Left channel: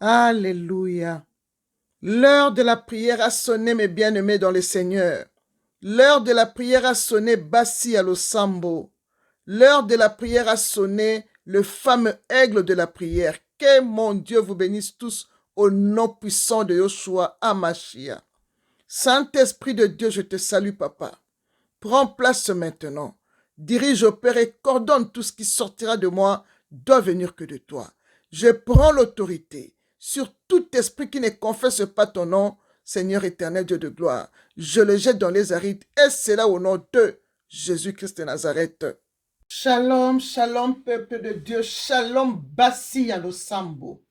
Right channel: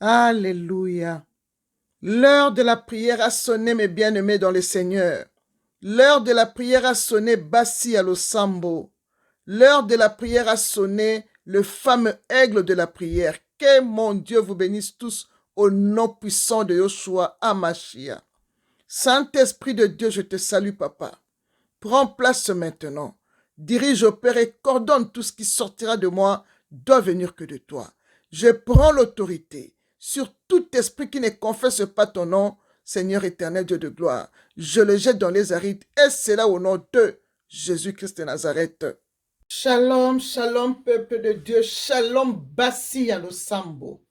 Alléluia. L'heure de la prière a sonné, mes bien-aimés dans le Seigneur. L'heure de la prière a sonné, Bassi à l'Osambo. L'heure de la prière a sonné, le fameux aigle de la prière. Que mon Dieu vous bénisse tous au nom puissant de Yoshua Amashia. Saint-Esprit de Dieu, je te salue, Papa. Prends place maintenant. Dirige, opère et coordonne tout ce qui sortira de moi doit venir que de toi. Je prends l'autorité sur tout esprit qui ne confesse pas ton nom, Seigneur éternel Dieu de gloire. Je le jette dans les arides et c'est là au nom de Jésus-Christ de Nazareth. Shalom, shalom, peuple de Dieu. Shalom, Bassi à l'Osambo.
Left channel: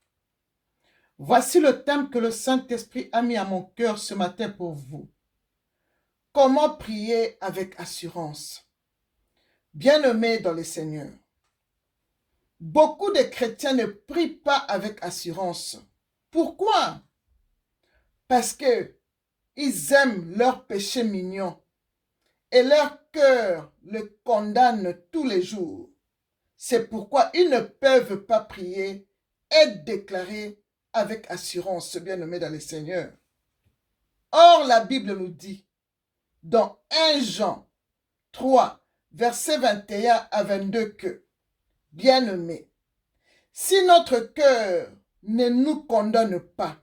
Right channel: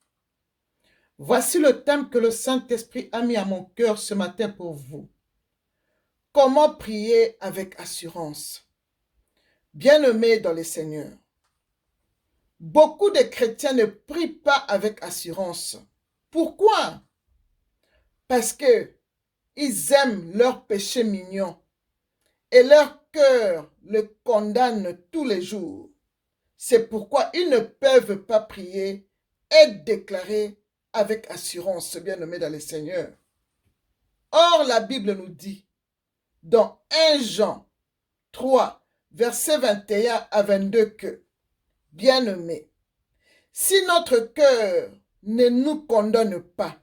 Voici le thème que le Saint-Esprit a mis à mon cœur ce matin pour vous. Comment prier avec assurance? Bien-aimés dans le Seigneur, beaucoup de chrétiens ne prient pas avec assurance. Pourquoi? Parce que ils aiment leur péché mignon et leur cœur le condamne tous les jours. C'est pourquoi ils ne peuvent pas prier et déclarer avec assurance, bien-aimés dans le Seigneur. Or, la Bible nous dit, dans 1 Jean 3, versets 21 à 22 que, bien-aimés, si notre cœur ne nous condamne pas,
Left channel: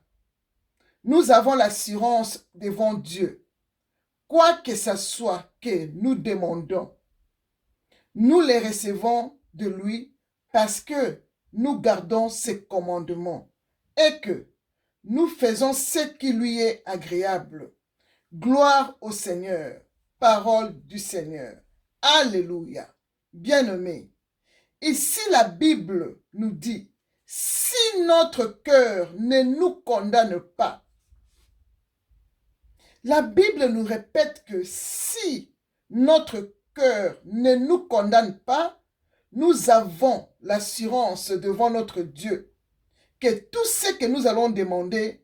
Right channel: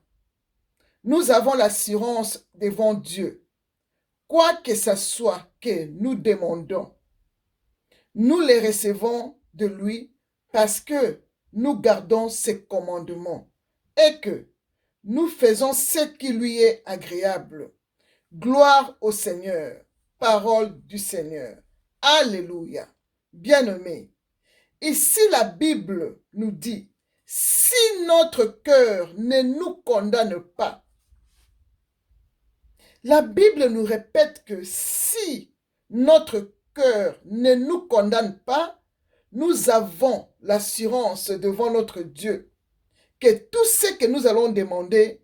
nous avons l'assurance devant Dieu. Quoi que ce soit que nous demandons, nous les recevons de lui parce que nous gardons ses commandements et que nous faisons ce qui lui est agréable. Gloire au Seigneur. Parole du Seigneur. Alléluia. Bien-aimés, ici la Bible nous dit, si notre cœur ne nous condamne pas, la Bible nous répète que si notre cœur ne nous condamne pas, nous avons l'assurance devant notre Dieu que tout ce que nous allons demander,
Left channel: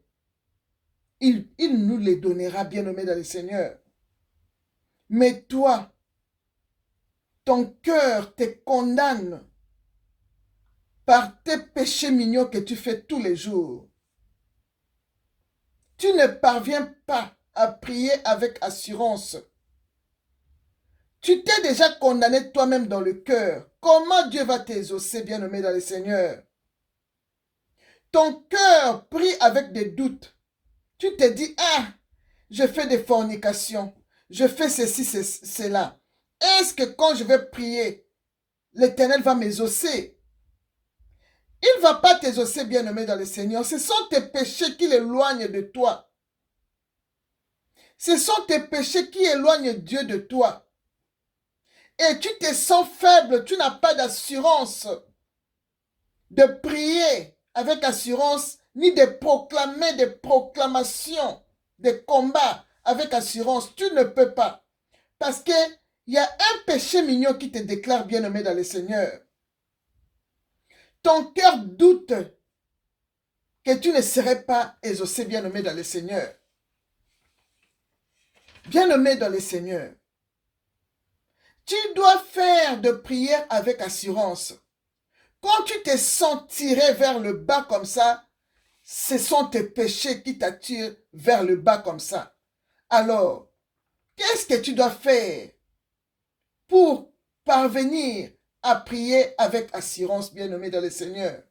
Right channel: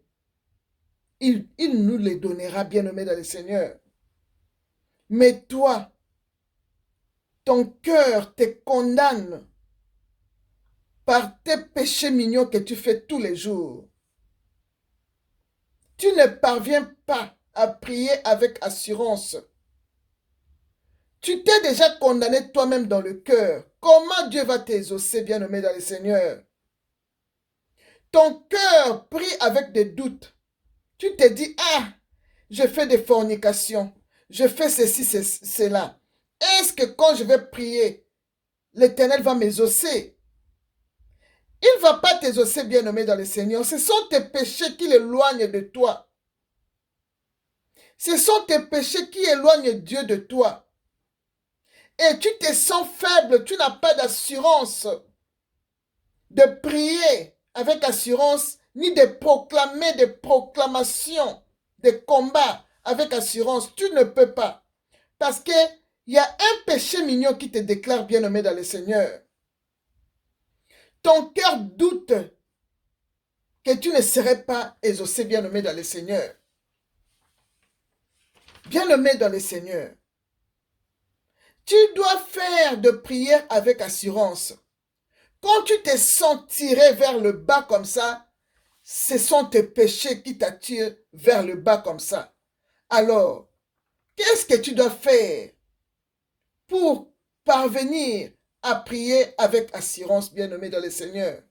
il nous les donnera, bien-aimés dans le Seigneur. Mais toi, ton cœur te condamne par tes péchés mignons que tu fais tous les jours. Tu ne parviens pas à prier avec assurance. Tu t'es déjà condamné toi-même dans le cœur. Comment Dieu va t'exaucer, bien-aimé dans le Seigneur? Ton cœur prie avec des doutes. Tu te dis, ah, je fais des fornications, je fais ceci, cela. Est-ce que quand je vais prier, l'Éternel va m'exaucer? Il ne va pas t'exaucer, bien-aimé dans le Seigneur. Ce sont tes péchés qui l'éloignent de toi. Ce sont tes péchés qui éloignent Dieu de toi. Et tu te sens faible, tu n'as pas d'assurance de prier avec assurance, ni de proclamer des proclamations, des combats avec assurance. Tu ne peux pas. Parce qu'il y a un péché mignon qui te déclare bien-aimé dans le Seigneur. Ton cœur doute que tu ne serais pas exaucé, bien-aimé dans le Seigneur. Bien-aimé dans le Seigneur, tu dois faire de prières avec assurance. Quand tu te sens tiré vers le bas comme ça, ce sont tes péchés qui t'attirent vers le bas comme ça. Alors, qu'est-ce que tu dois faire pour parvenir à prier avec assurance, bien-aimé dans le Seigneur?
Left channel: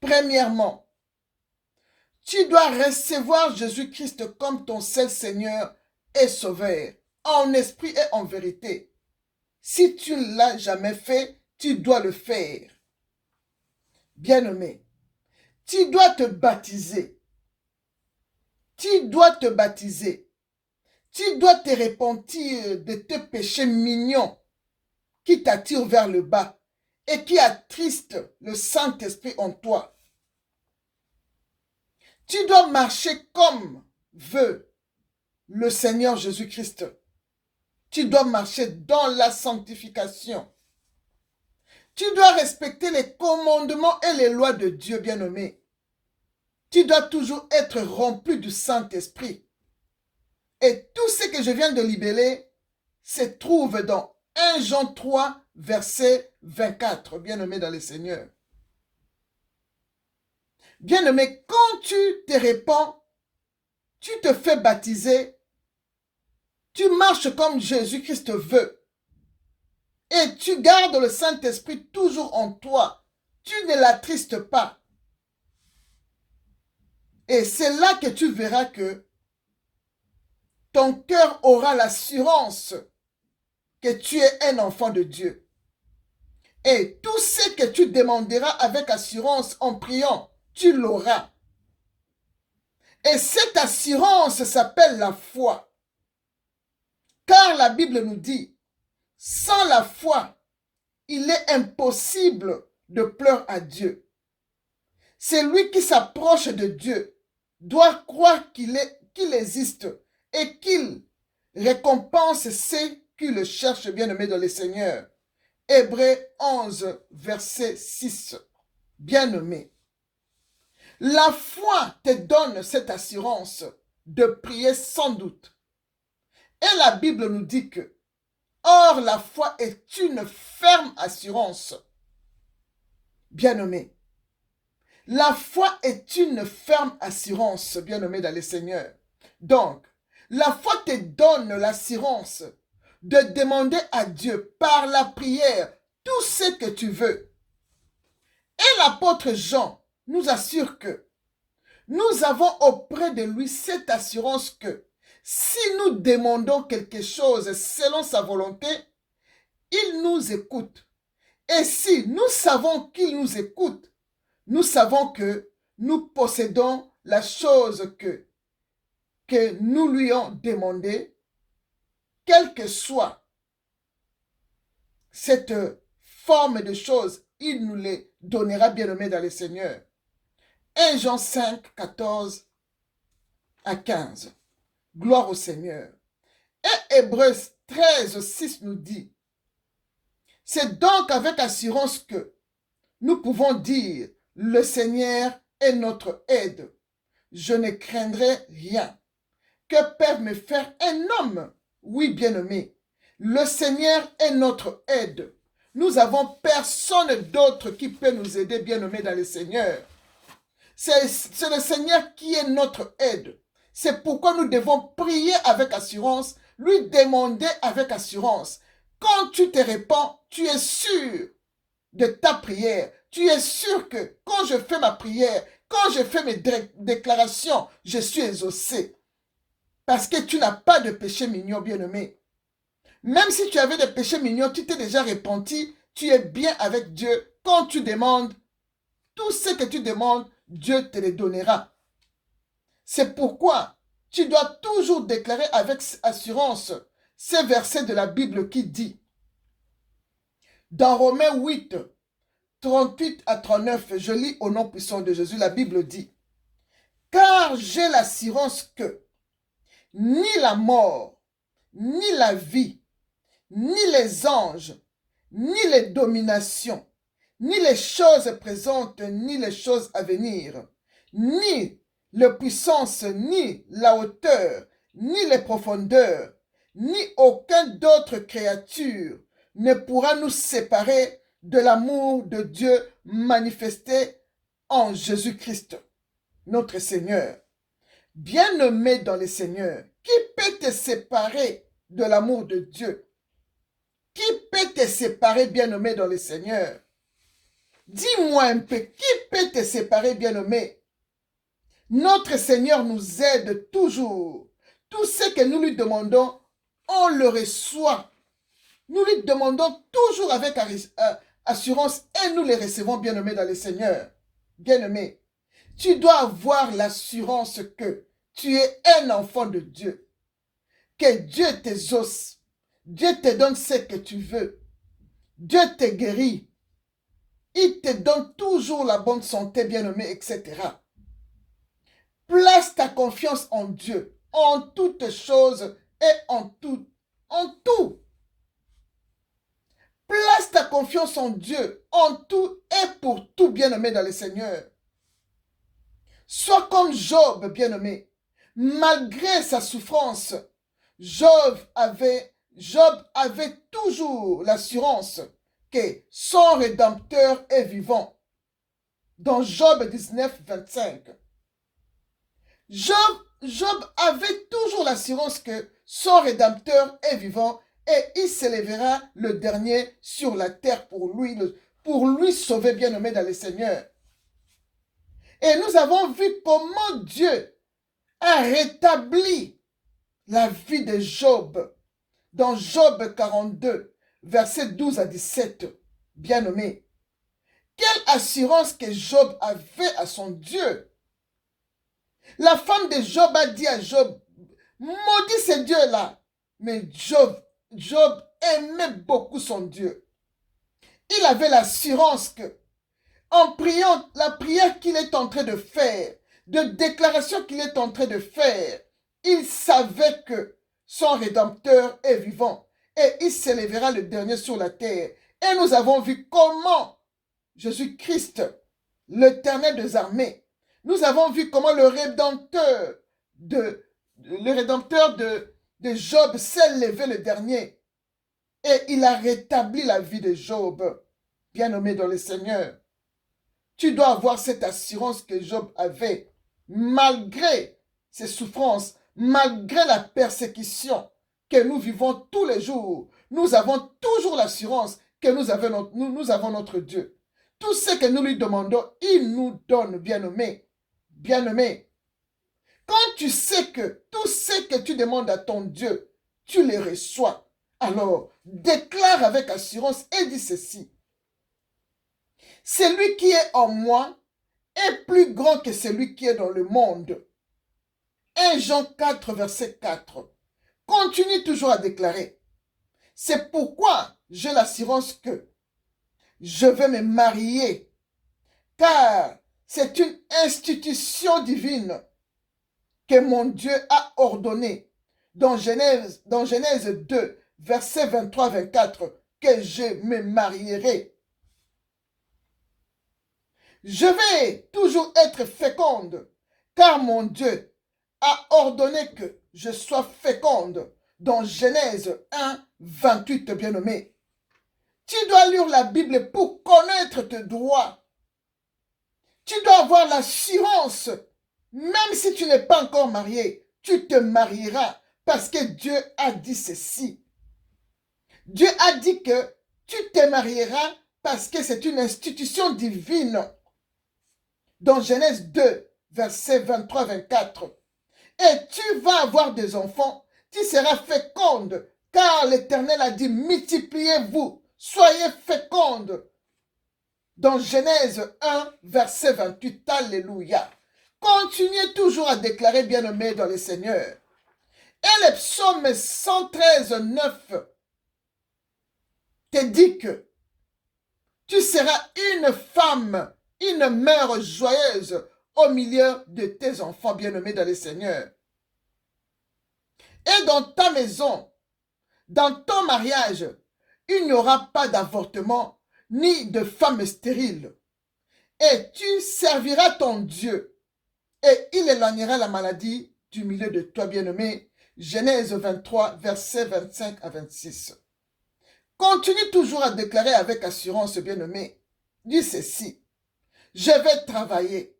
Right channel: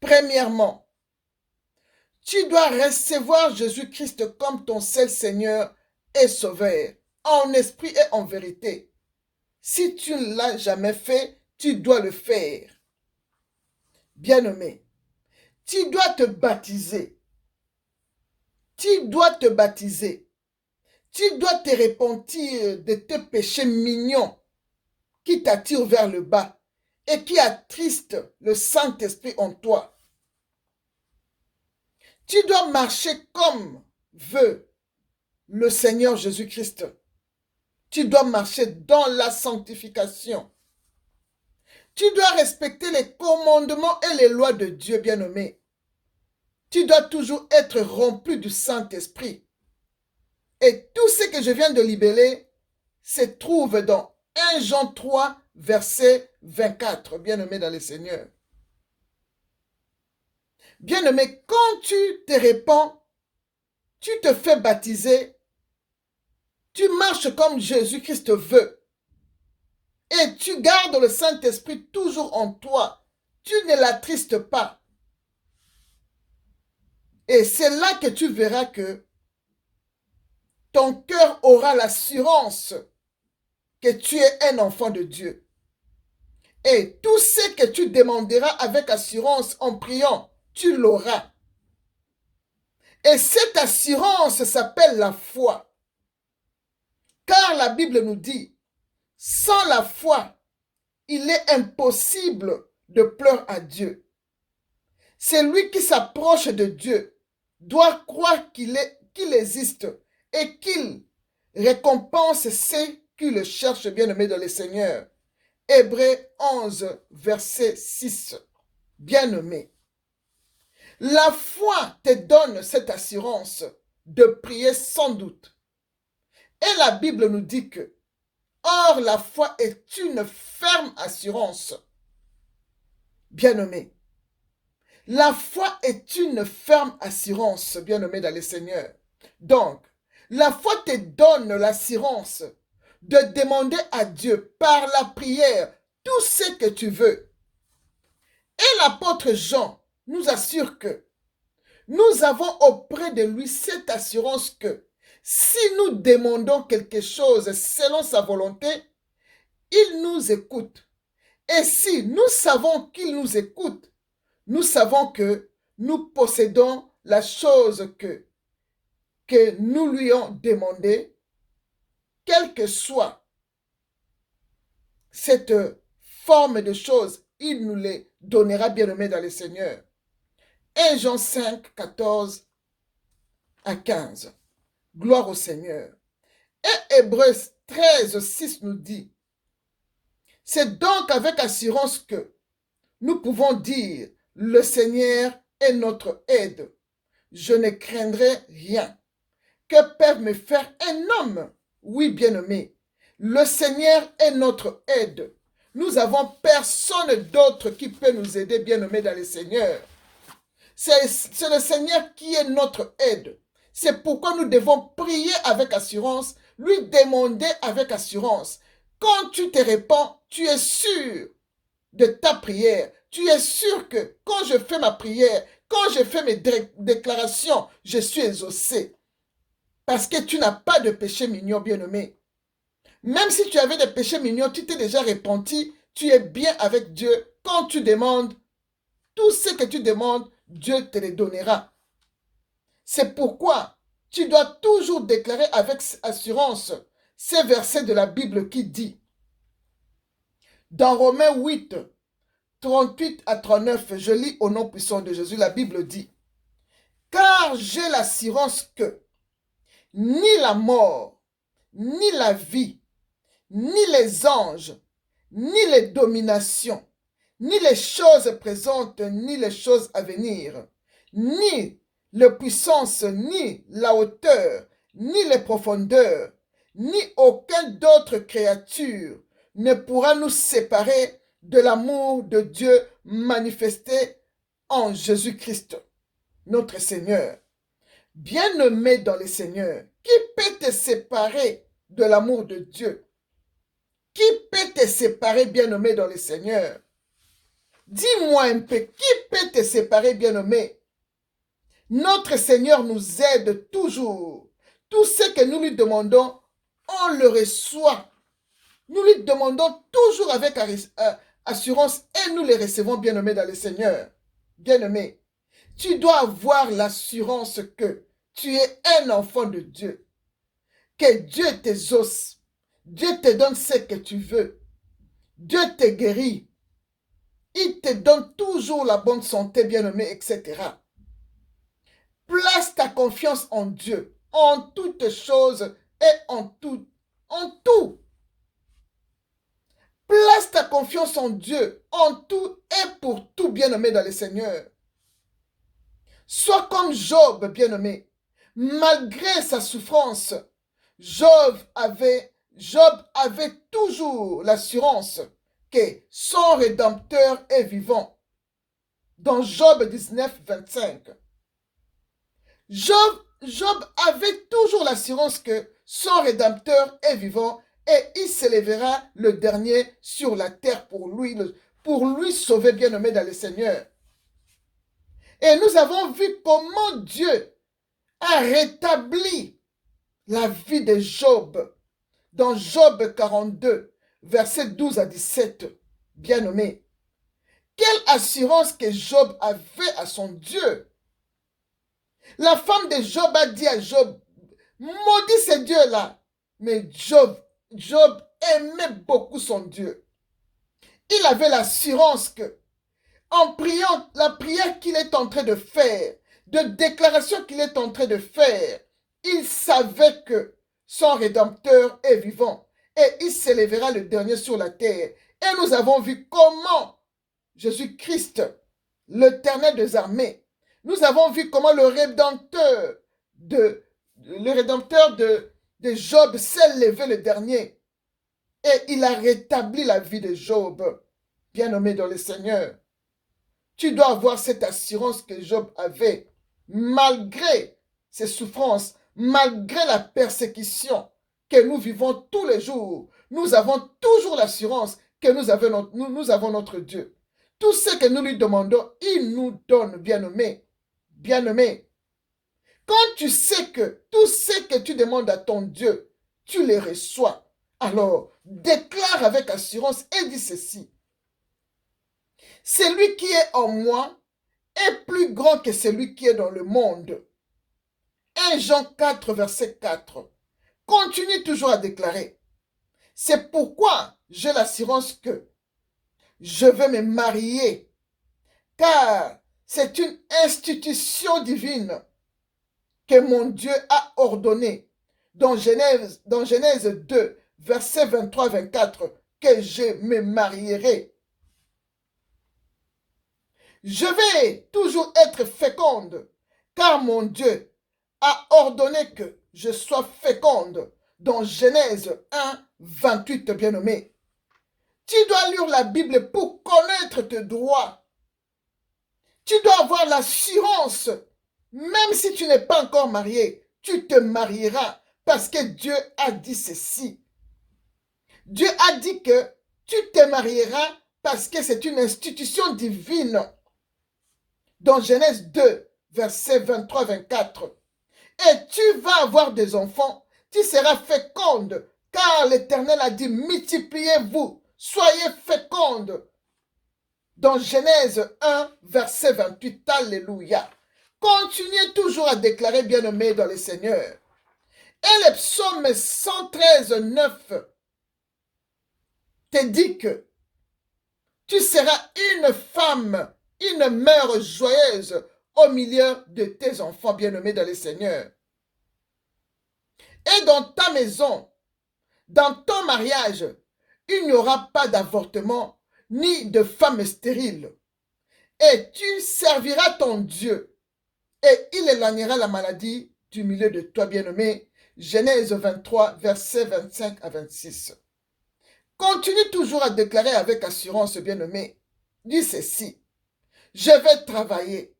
Premièrement, tu dois recevoir Jésus-Christ comme ton seul Seigneur et Sauveur, en esprit et en vérité. Si tu ne l'as jamais fait, tu dois le faire. Bien-aimé, tu dois te baptiser. Tu dois te baptiser. Tu dois te repentir de tes péchés mignons qui t'attirent vers le bas et qui attristent le Saint-Esprit en toi. Tu dois marcher comme veut le Seigneur Jésus-Christ. Tu dois marcher dans la sanctification. Tu dois respecter les commandements et les lois de Dieu, bien-aimé. Tu dois toujours être rempli du Saint-Esprit. Et tout ce que je viens de libeller se trouve dans 1 Jean 3, verset 24, bien-aimé dans le Seigneur. Bien-aimé, quand tu te répands, tu te fais baptiser, tu marches comme Jésus-Christ veut et tu gardes le Saint-Esprit toujours en toi. Tu ne l'attristes pas. Et c'est là que tu verras que ton cœur aura l'assurance que tu es un enfant de Dieu. Et tout ce que tu demanderas avec assurance en priant, tu l'auras. Et cette assurance s'appelle la foi. Car la Bible nous dit, sans la foi, il est impossible de plaire à Dieu. Celui qui s'approche de Dieu doit croire qu'il existe et qu'il récompense ceux qui le cherchent, bien-aimés dans le Seigneur. Hébreux 11, verset 6. Bien-aimé, la foi te donne cette assurance de prier sans doute. Et la Bible nous dit que, or la foi est une ferme assurance. Bien-aimé, la foi est une ferme assurance, bien-aimé dans le Seigneur. Donc, la foi te donne l'assurance de demander à Dieu par la prière tout ce que tu veux. Et l'apôtre Jean nous assure que nous avons auprès de lui cette assurance que si nous demandons quelque chose selon sa volonté, il nous écoute. Et si nous savons qu'il nous écoute, nous savons que nous possédons la chose que nous lui avons demandé, quelle que soit cette forme de choses, il nous les donnera, bien-aimés dans le Seigneur. 1 Jean 5, 14 à 15. Gloire au Seigneur. Et Hébreux 13, 6 nous dit, c'est donc avec assurance que nous pouvons dire, le Seigneur est notre aide. Je ne craindrai rien. Que peuvent me faire un homme? Oui, bien-aimé, le Seigneur est notre aide. Nous n'avons personne d'autre qui peut nous aider, bien-aimé, dans le Seigneur. C'est le Seigneur qui est notre aide. C'est pourquoi nous devons prier avec assurance, lui demander avec assurance. Quand tu te répands, tu es sûr de ta prière. Tu es sûr que quand je fais ma prière, quand je fais mes déclarations, je suis exaucé. Parce que tu n'as pas de péché mignon, bien-aimé. Même si tu avais des péchés mignons, tu t'es déjà repenti, tu es bien avec Dieu. Quand tu demandes, tout ce que tu demandes, Dieu te le donnera. C'est pourquoi tu dois toujours déclarer avec assurance ces versets de la Bible qui dit, dans Romains 8, 38 à 39, je lis au nom puissant de Jésus, la Bible dit, car j'ai l'assurance que ni la mort, ni la vie, ni les anges, ni les dominations, ni les choses présentes, ni les choses à venir, ni la puissance, ni la hauteur, ni les profondeurs, ni aucune d'autre créature ne pourra nous séparer de l'amour de Dieu manifesté en Jésus-Christ, notre Seigneur. Bien-aimé dans le Seigneur, qui peut te séparer de l'amour de Dieu? Qui peut te séparer, bien-aimé dans le Seigneur? Dis-moi un peu, qui peut te séparer, bien-aimé? Notre Seigneur nous aide toujours. Tout ce que nous lui demandons, on le reçoit. Nous lui demandons toujours avec assurance et nous les recevons, bien-aimé dans le Seigneur. Bien-aimé, tu dois avoir l'assurance que tu es un enfant de Dieu. Que Dieu t'exauce. Dieu te donne ce que tu veux. Dieu te guérit. Il te donne toujours la bonne santé, bien-aimé, etc. Place ta confiance en Dieu, en toutes choses et en tout. En tout. Place ta confiance en Dieu, en tout et pour tout, bien-aimé dans le Seigneur. Sois comme Job, bien-aimé. Malgré sa souffrance, Job avait toujours l'assurance que son Rédempteur est vivant. dans Job 19, 25. Job avait toujours l'assurance que son Rédempteur est vivant et il s'élèvera le dernier sur la terre pour lui sauver, bien-aimé dans le Seigneur. Et nous avons vu comment Dieu a rétabli la vie de Job dans Job 42, versets 12 à 17. Bien-aimé, quelle assurance que Job avait à son Dieu. La femme de Job a dit à Job, maudit ce Dieu-là. Mais Job aimait beaucoup son Dieu. Il avait l'assurance que, en priant, la prière qu'il est en train de faire, de déclaration qu'il est en train de faire, il savait que son Rédempteur est vivant et il s'élèvera le dernier sur la terre. Et nous avons vu comment Jésus-Christ, l'Éternel des armées, nous avons vu comment le Rédempteur de Job s'est levé le dernier. Et il a rétabli la vie de Job, bien-aimé dans le Seigneur. Tu dois avoir cette assurance que Job avait, malgré ses souffrances, malgré la persécution que nous vivons tous les jours. Nous avons toujours l'assurance que nous avons notre Dieu. Tout ce que nous lui demandons, il nous donne, bien-aimé. Bien-aimé, quand tu sais que tout ce que tu demandes à ton Dieu, tu les reçois, alors déclare avec assurance et dis ceci. Celui qui est en moi est plus grand que celui qui est dans le monde. 1 Jean 4, verset 4. Continue toujours à déclarer. C'est pourquoi j'ai l'assurance que je vais me marier, car c'est une institution divine que mon Dieu a ordonnée dans Genèse 2, verset 23-24, que je me marierai. Je vais toujours être féconde, car mon Dieu a ordonné que je sois féconde dans Genèse 1, 28, bien-aimé. Tu dois lire la Bible pour connaître tes droits. Tu dois avoir l'assurance, même si tu n'es pas encore marié, tu te marieras parce que Dieu a dit ceci. Dieu a dit que tu te marieras parce que c'est une institution divine. Dans Genèse 2, versets 23-24. Et tu vas avoir des enfants, tu seras féconde, car l'Éternel a dit, multipliez-vous, soyez féconde. Dans Genèse 1, verset 28, alléluia. Continuez toujours à déclarer, bien-aimé dans le Seigneur. Et le psaume 113, 9 te dit que tu seras une femme, une mère joyeuse au milieu de tes enfants bien-aimés dans le Seigneur. Et dans ta maison, dans ton mariage, il n'y aura pas d'avortement ni de femme stérile. Et tu serviras ton Dieu et il éloignera la maladie du milieu de toi bien-aimé. Genèse 23, versets 25 à 26. Continue toujours à déclarer avec assurance, bien-aimé. Dis ceci. Je vais travailler.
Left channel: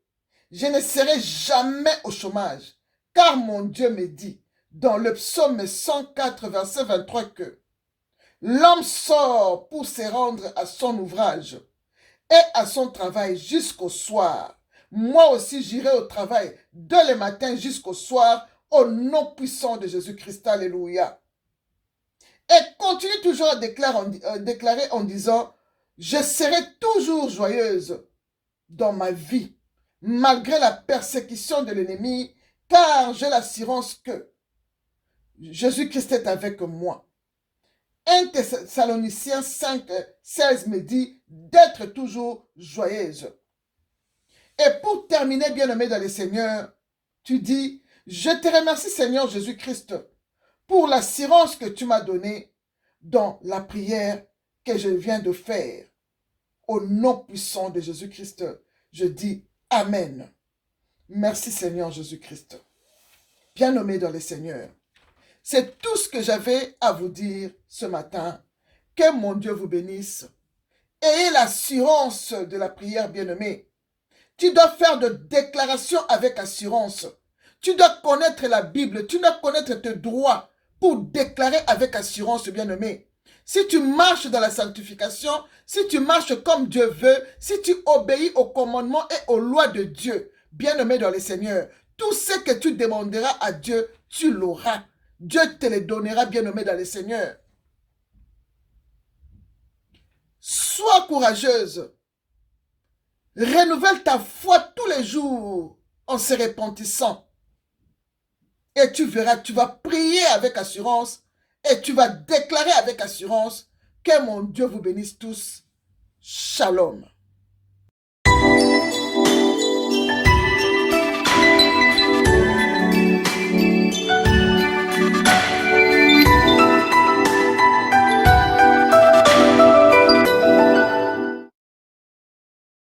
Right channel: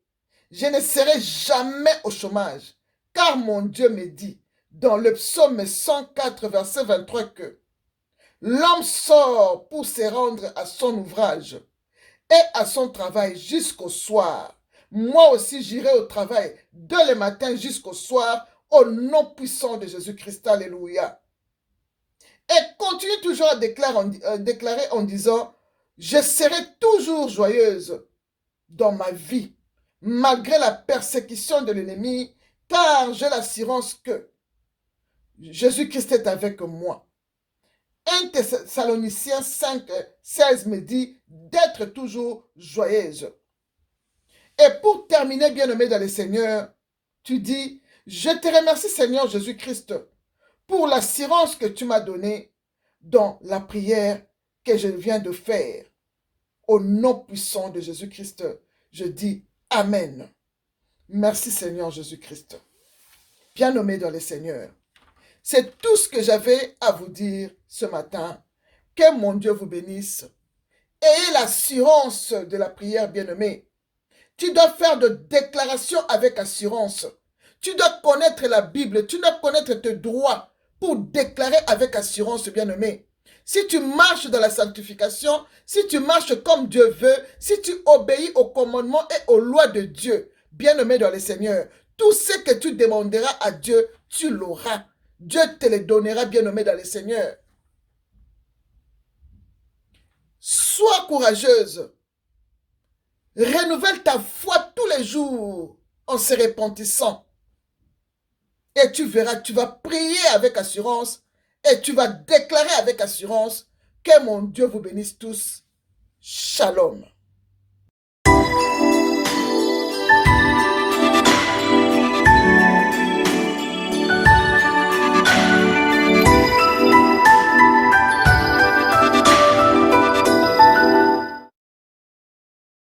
Je ne serai jamais au chômage. Car mon Dieu me dit, dans le psaume 104, verset 23, que l'homme sort pour se rendre à son ouvrage et à son travail jusqu'au soir. Moi aussi, j'irai au travail dès le matin jusqu'au soir, au nom puissant de Jésus-Christ. Alléluia. Et continue toujours à déclarer en disant, je serai toujours joyeuse dans ma vie, malgré la persécution de l'ennemi, car j'ai l'assurance que Jésus-Christ est avec moi. 1 Thessaloniciens 5, 16 me dit d'être toujours joyeuse. Et pour terminer, bien-aimé dans le Seigneur, tu dis, je te remercie Seigneur Jésus-Christ pour l'assurance que tu m'as donnée dans la prière que je viens de faire. Au nom puissant de Jésus-Christ, je dis Amen. Merci Seigneur Jésus-Christ. Bien-aimé dans le Seigneur. C'est tout ce que j'avais à vous dire ce matin. Que mon Dieu vous bénisse. Ayez l'assurance de la prière, bien-aimé. Tu dois faire de déclarations avec assurance. Tu dois connaître la Bible, tu dois connaître tes droits pour déclarer avec assurance, bien-aimé. Si tu marches dans la sanctification, si tu marches comme Dieu veut, si tu obéis aux commandements et aux lois de Dieu, bien-aimé dans le Seigneur, tout ce que tu demanderas à Dieu, tu l'auras. Dieu te le donnera, bien-aimé dans le Seigneur. Sois courageuse. Renouvelle ta foi tous les jours en se repentissant. Et tu verras, tu vas prier avec assurance et tu vas déclarer avec assurance que mon Dieu vous bénisse tous. Shalom.